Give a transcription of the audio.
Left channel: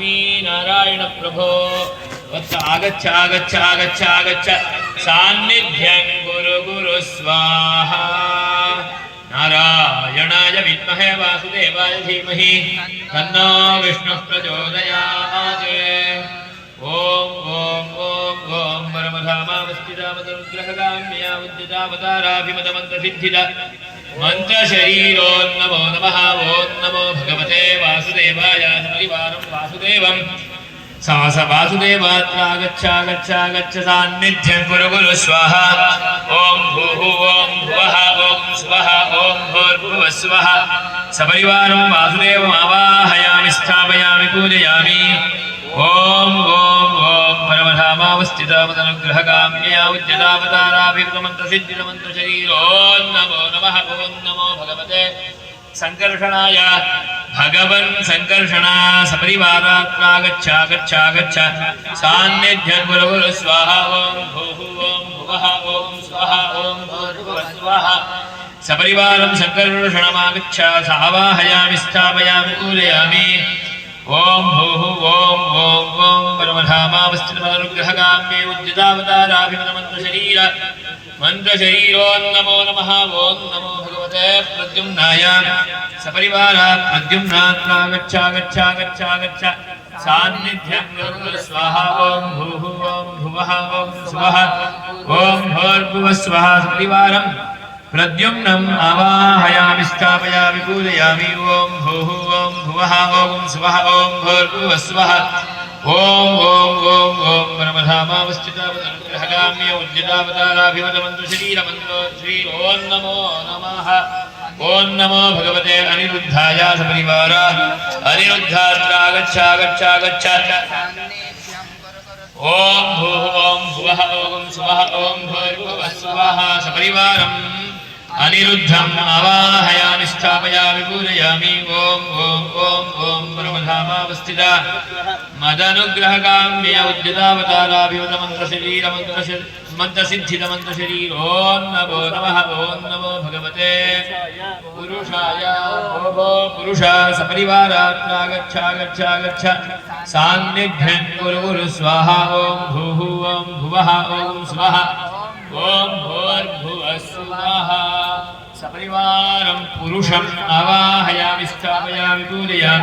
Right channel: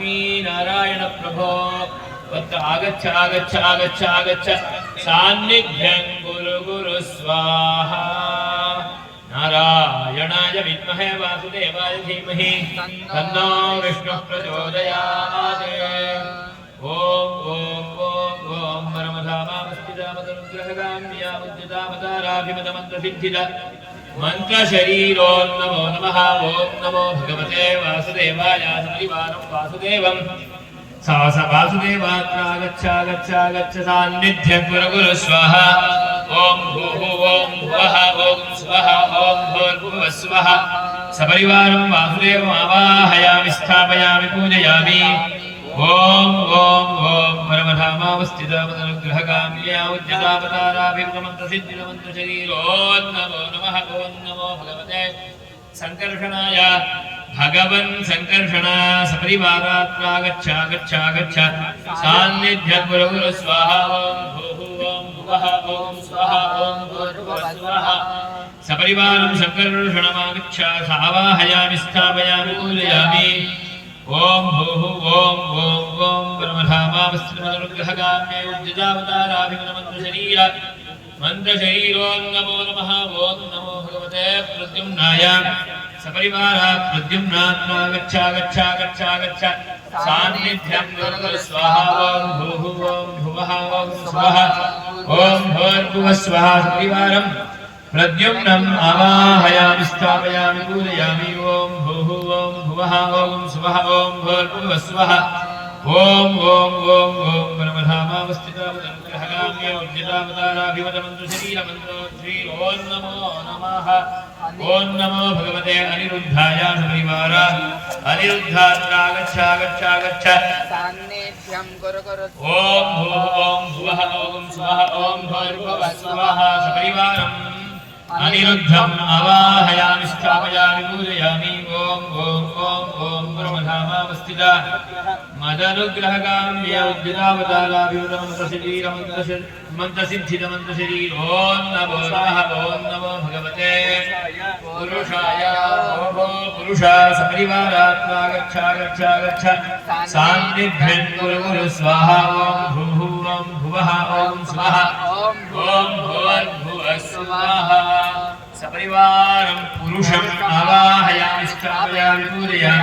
लक्ष्मीनारायण प्रभो वत्स आगच्छ आगच्छ आगच्छ आगच्छ सान्निध्यं गुरु गुरु स्वाहा नारायणाय विद्महे वासुदेवाय धीमहि तन्नो विष्णुः प्रचोदयात् ओम ओम ओम ओम परमधामावस्थितामदनुग्रहगाम्या उद्यतावताराभिमतमन्त्रसिद्धिदा मंत्रशरीरो नमो नमः ओम नमो भगवते वासुदेवाय परिवारं वासुदेवं सास वासुदेवात्रागच्छ सान्निध्यं गुरु गुरु स्वाहा ओम भूः ओम भुवः ओम स्वः ओम भूर्भुवः स्वः सपरिवारं वासुदेवमावाहयामि स्थापयामि पूजयामि ओम ओम ओम परमधामावस्थितामदनुग्रहगाम्या उद्यतावताराभिमतमन्त्रसिद्धिदमन्त्रशरीरो नमो नमः ओम नमो भगवते संकर्षणाय भगवन् संकर्षणा सपरिवारात्रागच्छ सान्निध्यं गुरु गुरु स्वाहा ओम भूः ओम भुवः ओम स्वः ओम भूर्भुवः स्वः सपरिवारं संकर्षणमागच्छ सावाहयामि स्थापयामि पूजयामि ओम भूः ओम ओम ओम परमधामावस्थितमदनुग्रहगाम्ये उद्यतावताराभिमतमन्त्रशरीर मंत्रशरीरो नमो नमः ओम नमो भगवते प्रद्युम्नाय सपरिवारा प्रद्युम्नात्रागच्छ सान्निध्यं गुरु गुरु स्वाहा ओम भूः ओम भुवः ओम स्वः ओम भूर्भुवः स्वः सपरिवारं प्रद्युम्नम् आवाहयामि स्थापयामि पूजयामि ओम भूः ओम भुवः ओम स्वः ओम भूर्भुवः स्वः ओम ओम ओम ओम परमधामावस्थितामदनुग्रहगाम्ये उद्यतावताराभिमतमन्त्रशरीरमन्त्रो ओम नमो नमः ओम नमो भगवते अनिरुद्धाय सपरिवार अनिरुद्धात्रागच्छ ओम भूः ओम भुवः ओम स्वः ओम भूर्भुवः स्वः सपरिवारम् अनिरुद्धम् आवाहयामि स्थापयामि पूजयामि ओम ओम ओम ओम परमधामावस्थिता मदनुग्रहगाम्ये उद्यतावताराभिमतमन्त्रशरीरमन्त्रसिद्धिदमन्त्रशरीर ओम नमो भगवते पुरुषाय ओभो पुरुषा सपरिवारात्रागच्छ सान्निध्यं गुरु गुरु स्वाहा ओम भूः ओम भुवः ओम स्वः ओम भूर्भुवः स्वः सपरिवारं पुरुषम् आवाहयामि स्थापयामि पूजयामि